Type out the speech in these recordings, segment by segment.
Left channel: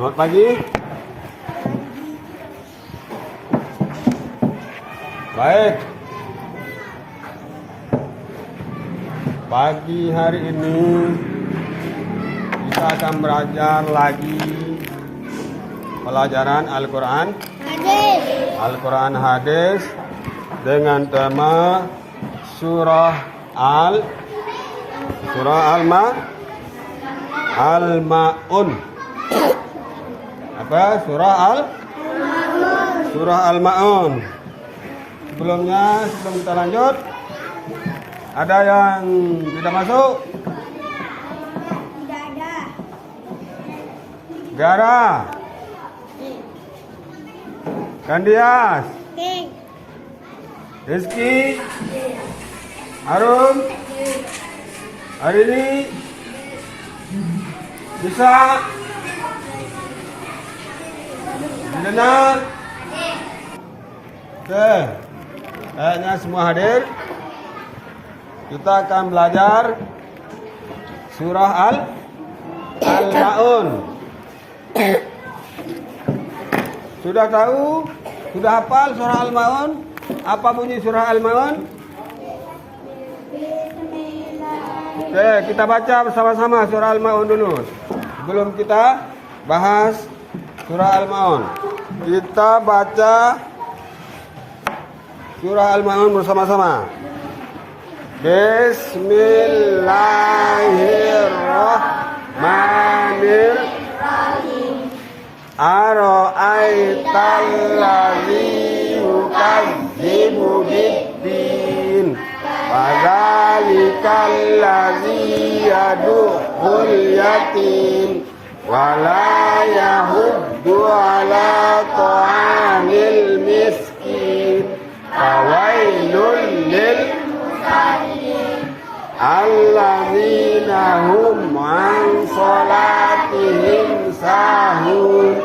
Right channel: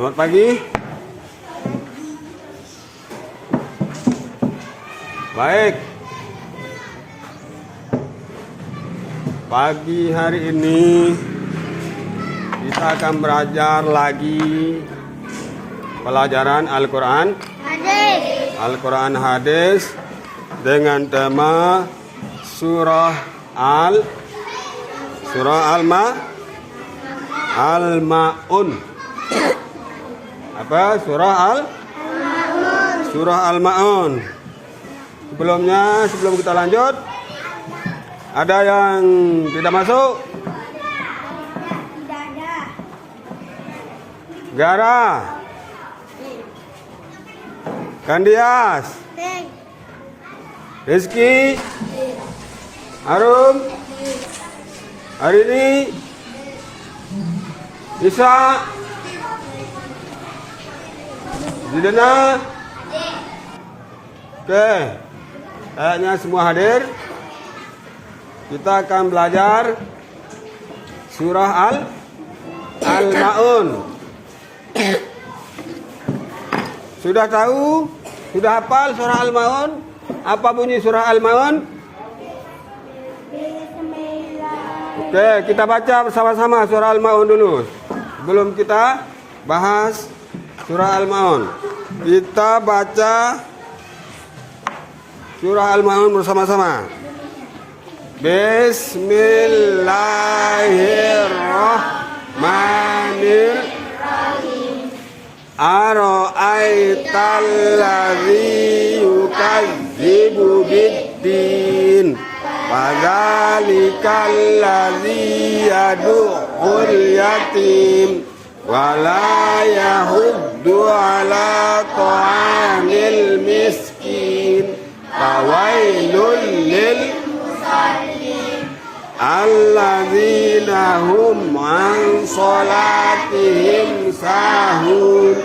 Selamat pagi. Baik. Pagi hari ini kita akan belajar lagi pelajaran Al-Quran Al-Quran Hadis dengan tema surah Al-Ma'un. Apa? Surah Al-Ma'un. Sebelum kita lanjut, ada yang tidak masuk? Tidak ada. Gara, Kandias, Rizky, Arum, Arini, Isa, Didana. Oke, kayaknya semua hadir. Kita akan belajar surah Al-Ma'un. Sudah tahu? Sudah hafal surah Al-Ma'un? Apa bunyi surah Al-Ma'un? Oke, kita baca bersama-sama surah Al-Ma'un dulu. Sebelum kita bahas surah Al-Ma'un, kita baca surah Al-Ma'un bersama-sama. Bismillahirrahmanirrahim. Ara'aital ladzi yukadzibu biddin. Fadzalikal ladzi yad'ul yatim wa la yahuddu ala ta'amil miskin. Fawailul lil alladzina hum an salatihim sahun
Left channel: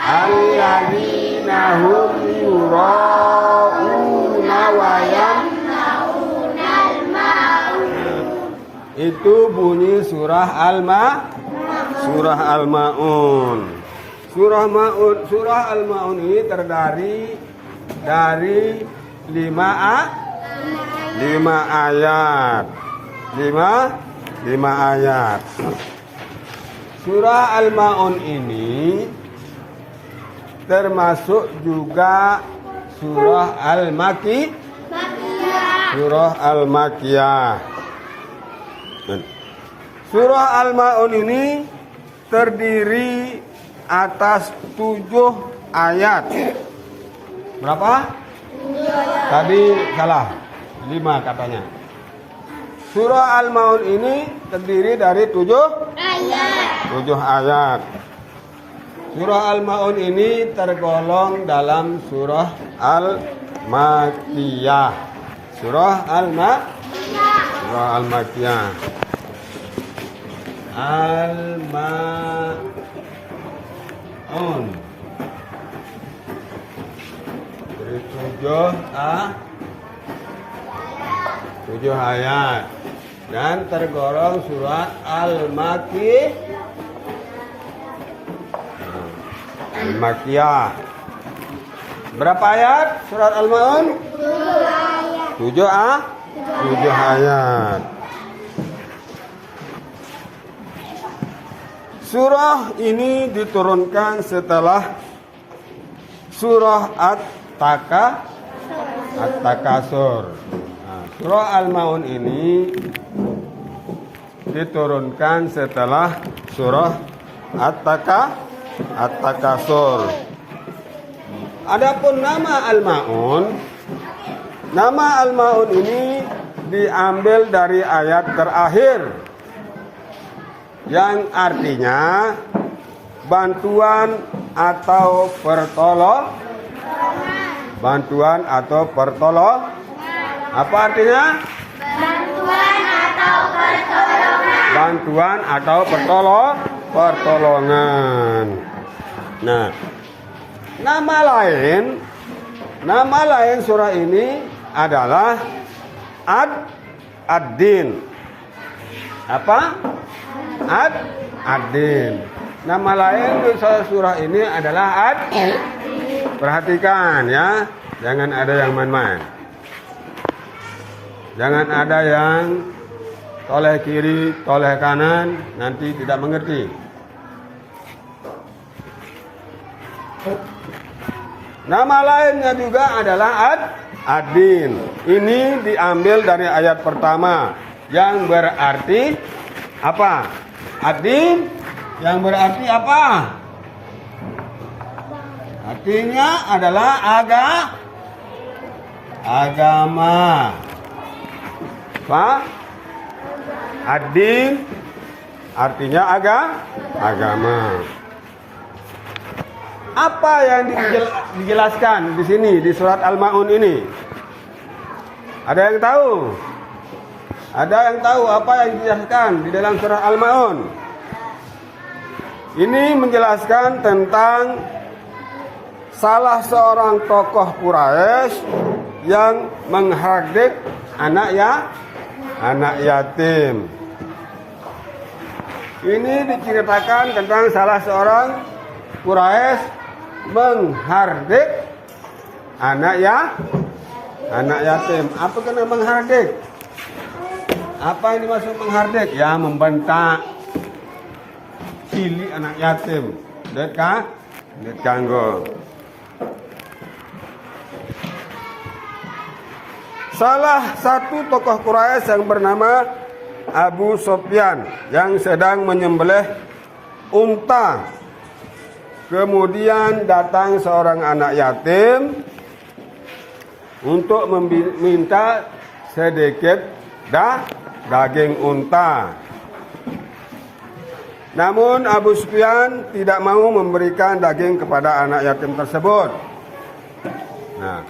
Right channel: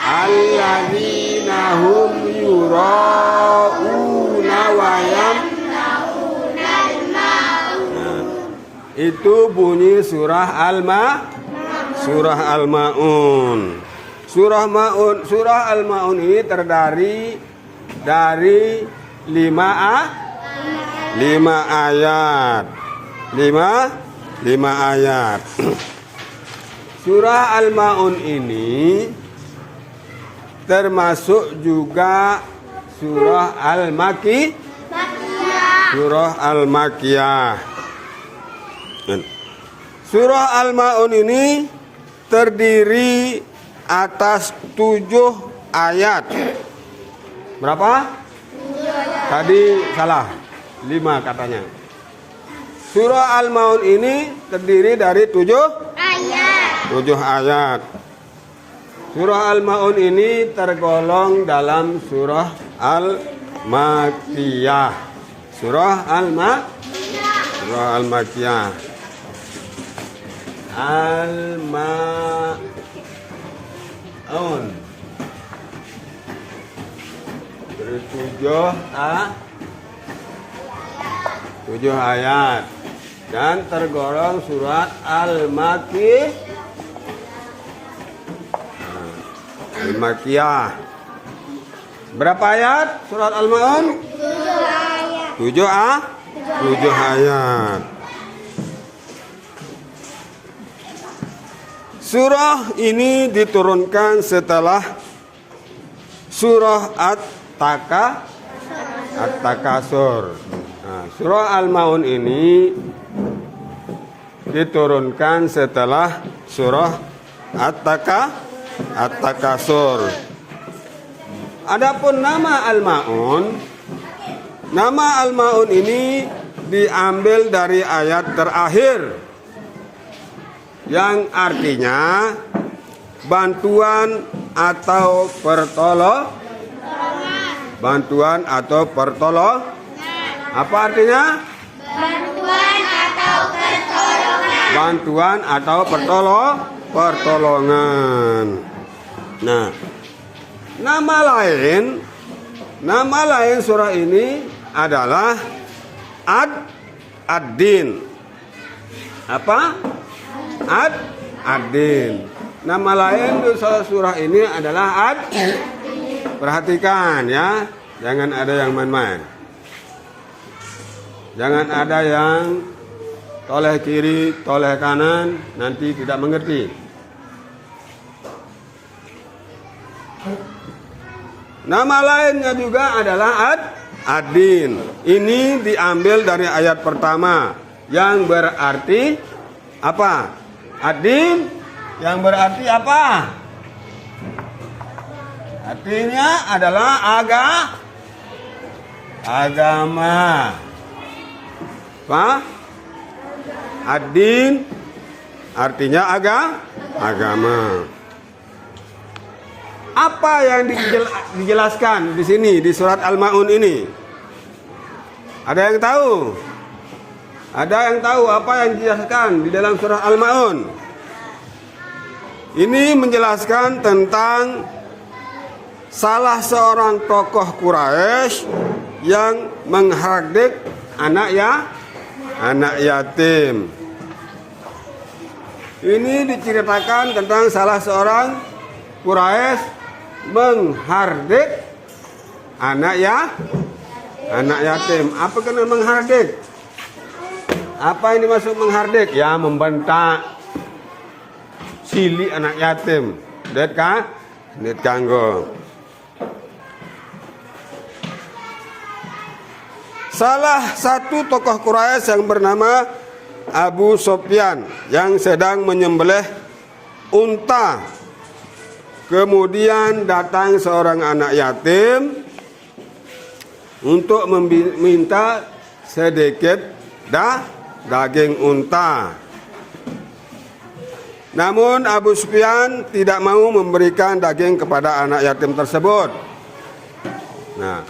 alladzina hum yura'una wa yamna'unal ma'un. Itu bunyi surah Al-Ma'un. Surah Al-Ma'un ini terdiri dari 5 ayat. 5 ayat. Surah Al-Ma'un ini termasuk juga surah Al-Makkiyah. Surah Al-Ma'un ini terdiri atas 7 ayat. Berapa? Tadi salah, 5 katanya. Surah Al-Ma'un ini terdiri dari 7 ayat. Surah Al-Ma'un ini tergolong dalam surah Al-Makkiyah. Surah Al-Makkiyah. Al-Ma'un. 7 ayat dan tergolong surat Al-Makkiyah. Berapa ayat surat Al-Ma'un? 7 ayat. Surah ini diturunkan setelah surah At-Takasur. Surah Al-Ma'un ini diturunkan setelah surah At-Takasur. Adapun nama Al-Ma'un ini diambil dari ayat terakhir yang artinya bantuan atau pertolongan. Apa artinya? Bantuan atau pertolongan. Nah, nama lain surah ini adalah Ad-Din. Apa? Ad-Din. Nama lain di surah ini adalah Perhatikan ya, jangan ada yang main-main. Jangan ada yang toleh kiri, toleh kanan, nanti tidak mengerti. Nama lainnya juga adalah Ad-Din. Ini diambil dari ayat pertama yang berarti apa? Ad-Din yang berarti apa? Artinya adalah agama. Apa? Ad-Din artinya agama. Apa yang dijelaskan di sini di surat Al-Maun ini? Ada yang tahu? Ada yang tahu apa yang dijelaskan di dalam surah Al-Maun? Ini menjelaskan tentang salah seorang tokoh Quraisy yang menghardik anak yatim. Ini diceritakan tentang salah seorang Quraisy menghardik anak yatim. Apa kena menghardik? Apa yang dimaksud menghardik? Ya membentak, silih anak yatim. Det kanggo. Salah satu tokoh Quraisy yang bernama Abu Sufyan yang sedang menyembelih unta. Kemudian datang seorang anak yatim untuk meminta sedikit daging unta. Namun Abu Sufyan tidak mau memberikan daging kepada anak yatim tersebut. Nah,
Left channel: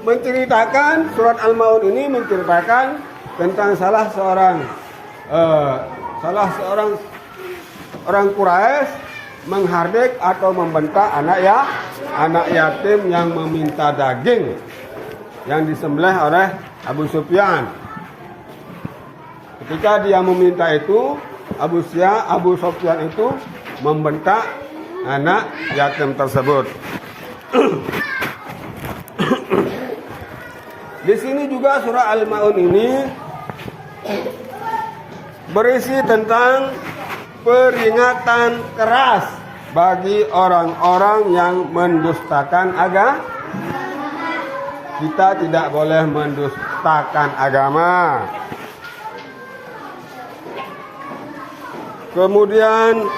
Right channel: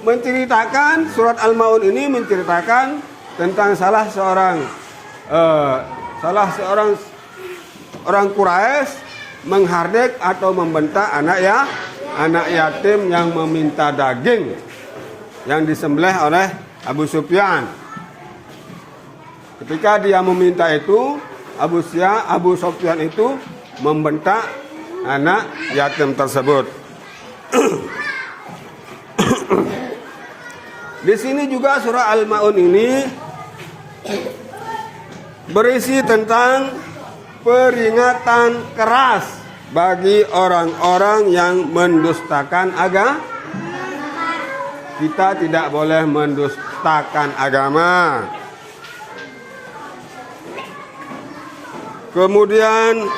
menceritakan surat Al-Maun ini menceritakan tentang salah seorang orang Quraisy menghardik atau membentak anak yatim yang meminta daging yang disembelih oleh Abu Sufyan. Ketika dia meminta itu, Abu Sufyan itu membentak anak yatim tersebut. Di sini juga surah Al-Maun ini berisi tentang peringatan keras bagi orang-orang yang mendustakan agama. Kita tidak boleh mendustakan agama. Kemudian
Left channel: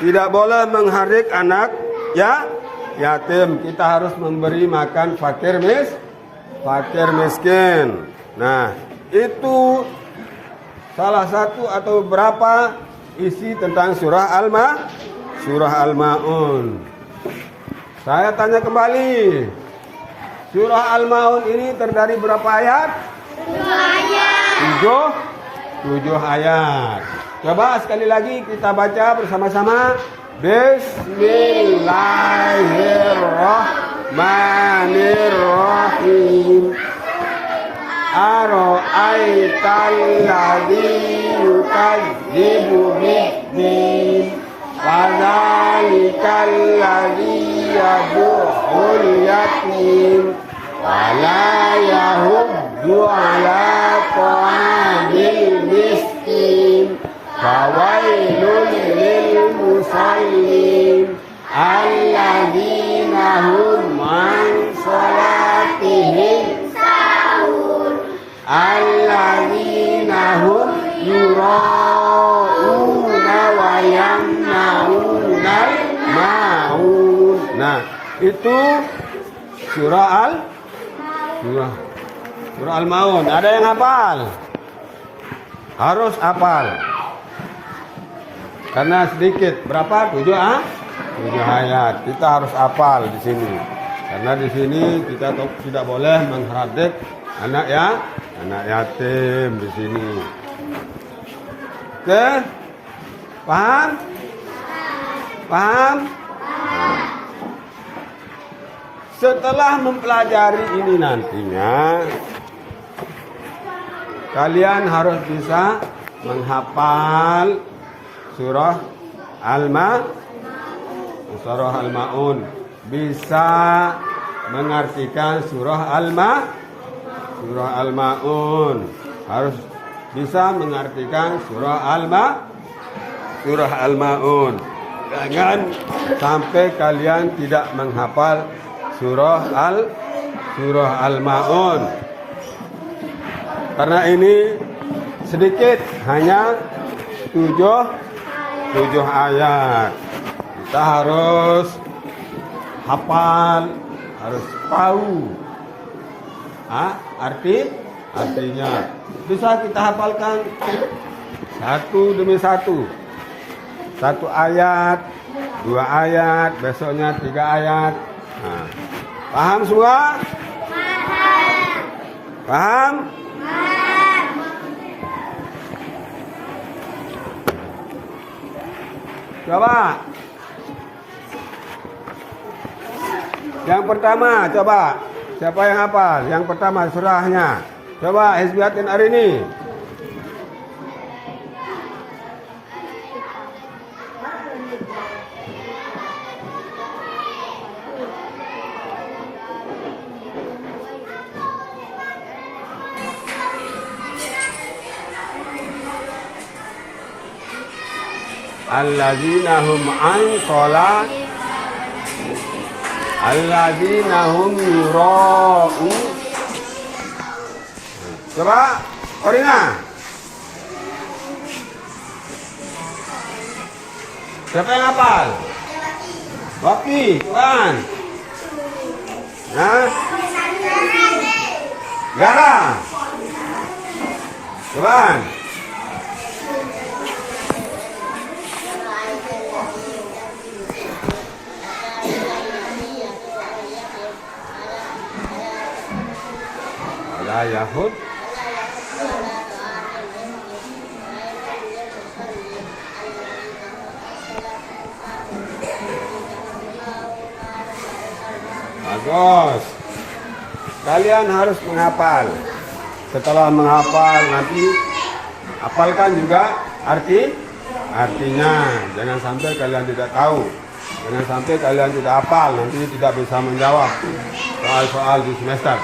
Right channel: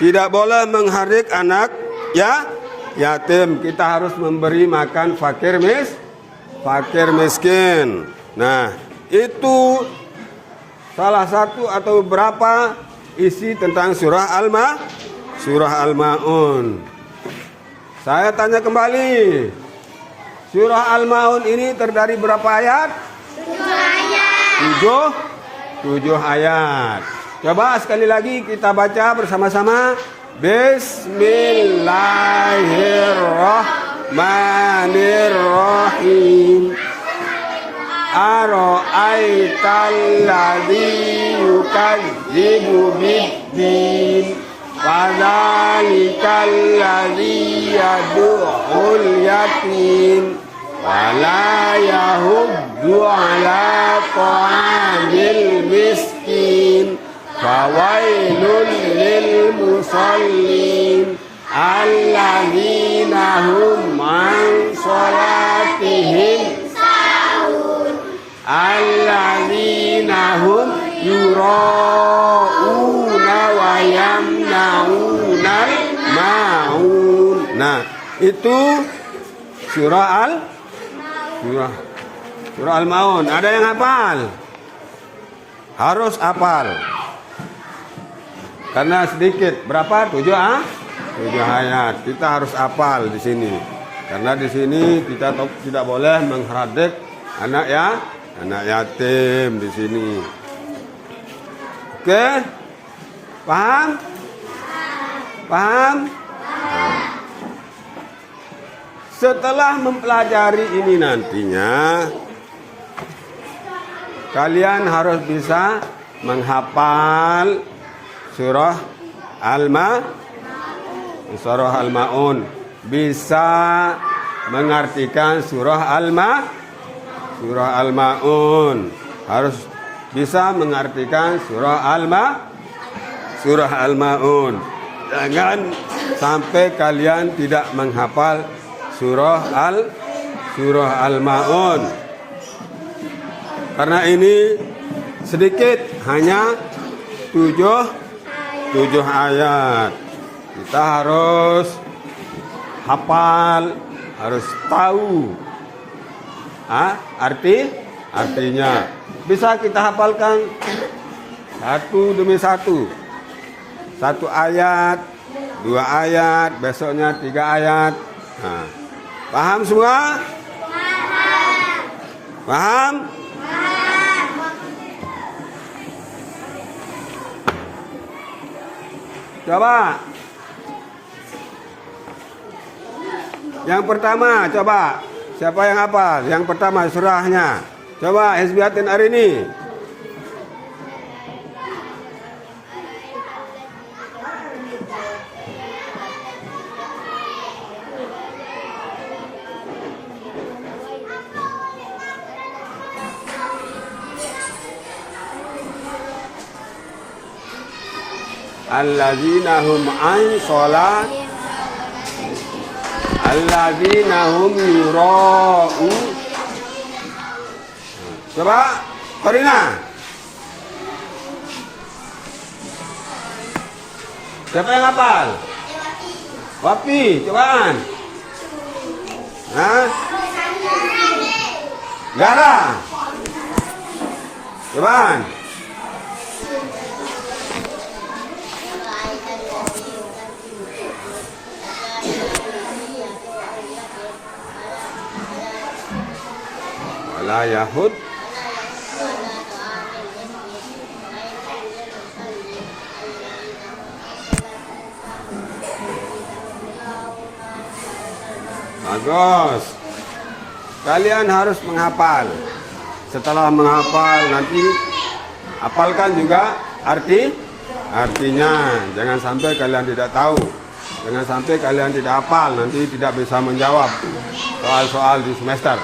tidak boleh menghardik anak yatim. Kita harus memberi makan fakir miskin. Nah, itu salah satu atau beberapa isi tentang surah Al-Maun. Saya tanya kembali, surah Al-Maun ini terdiri berapa ayat? 7 ayat. 7 ayat. Coba sekali lagi kita baca bersama-sama. Bismillahirrahmanirrahim. Ara'aital ladzi yukadzibu bid-din wa dzalikal ladzi yad'ul yatim wa la yahuddu 'ala ta'amil miskin fawailul lil musallin alladzina hum 'an shalatihim hum yura'una wa yamna'unal ma'un. Nah, itu surah Al-Maun. Ada yang hafal? Harus hafal. Karena sedikit. Berapa? 7 ayat. Kita harus hafal di sini. Karena di sini kita tidak boleh menghardik anak yatim di sini. Oke? Paham? Setelah mempelajari ini nantinya kalian harus bisa menghafal surah Al-Maun, bisa mengartikan surah Al-Maun, harus bisa mengartikan surah Al-Maun. Jangan sampai kalian tidak menghafal surah Al-Maun. Karena ini sedikit, hanya 7 ayat. Kita harus hafal, harus tahu artinya. Bisa kita hafalkan satu demi satu. 1 ayat, 2 ayat, besoknya 3 ayat. Nah, paham semua? Paham? Coba. Yang pertama, coba. Siapa yang hafal? Yang pertama surahnya. Coba Hizbiyatin hari ini. Alladzina hum an sholat, alladzina hum yura'u. Coba Korina. Siapa yang hafal? Wapi, coba. Nah, Gara. Coba. Yahud. Bagus. Kalian harus menghafal. Setelah menghafal nanti hafalkan juga artinya. Jangan sampai kalian tidak tahu. Jangan sampai kalian tidak hafal, nanti tidak bisa menjawab soal-soal di semester.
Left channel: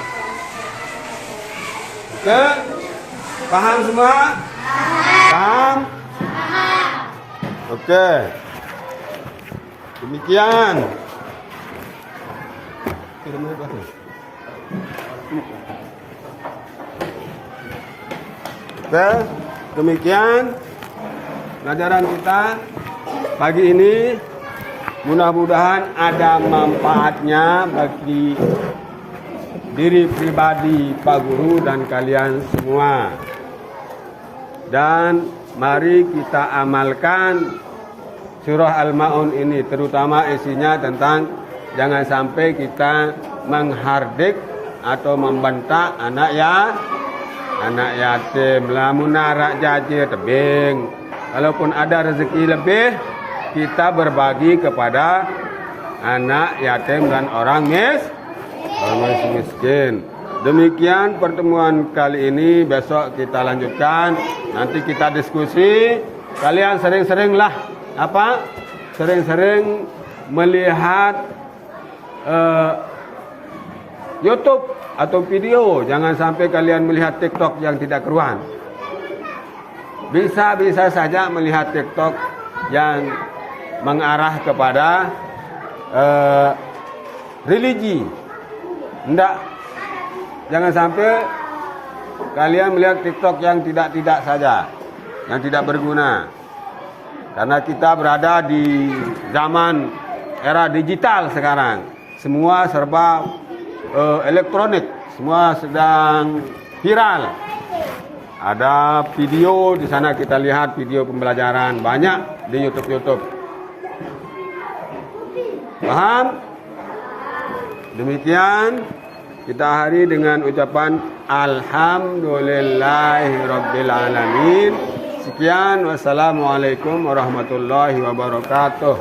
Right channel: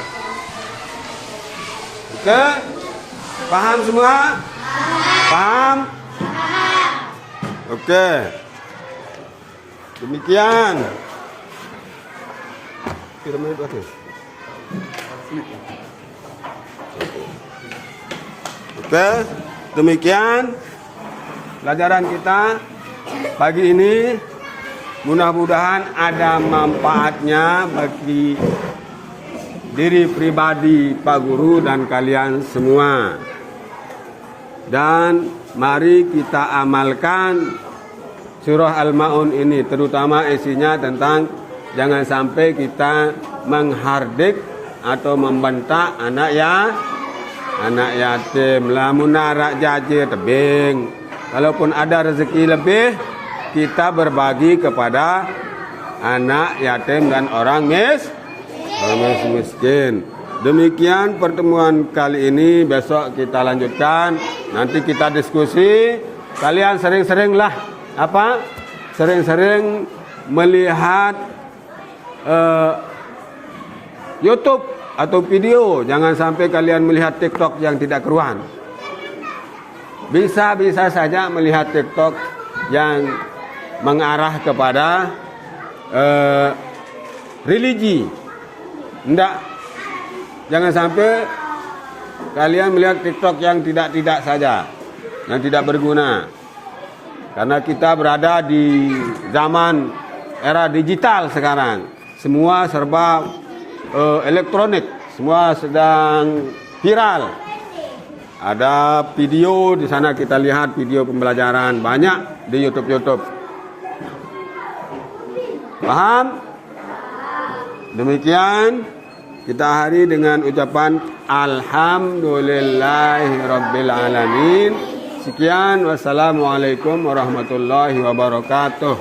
Oke, paham semua? Paham? Oke, demikian. Oke, demikian pelajaran kita pagi ini. Mudah-mudahan ada manfaatnya bagi diri pribadi Pak Guru dan kalian semua. Dan mari kita amalkan surah Al-Maun ini, terutama isinya tentang jangan sampai kita menghardik atau membentak anak yatim. Lamun arak jaje tebing, kalaupun ada rezeki lebih, kita berbagi kepada anak yatim dan orang miskin. Demikian pertemuan kali ini. Besok kita lanjutkan. Nanti kita diskusi. Kalian sering-seringlah sering-sering melihat YouTube atau video. Jangan sampai kalian melihat TikTok yang tidak keruan. Bisa saja melihat TikTok yang mengarah kepada religi. Jangan sampai kalian melihat TikTok yang tidak saja, yang tidak berguna. Karena kita berada di zaman era digital sekarang. Semua serba elektronik, semua sedang viral. Ada video di sana, kita lihat video pembelajaran banyak di YouTube. Paham? Demikian kita akhiri dengan ucapan Alhamdulillahirabbil alamin. Sekian, wassalamualaikum warahmatullahi wabarakatuh.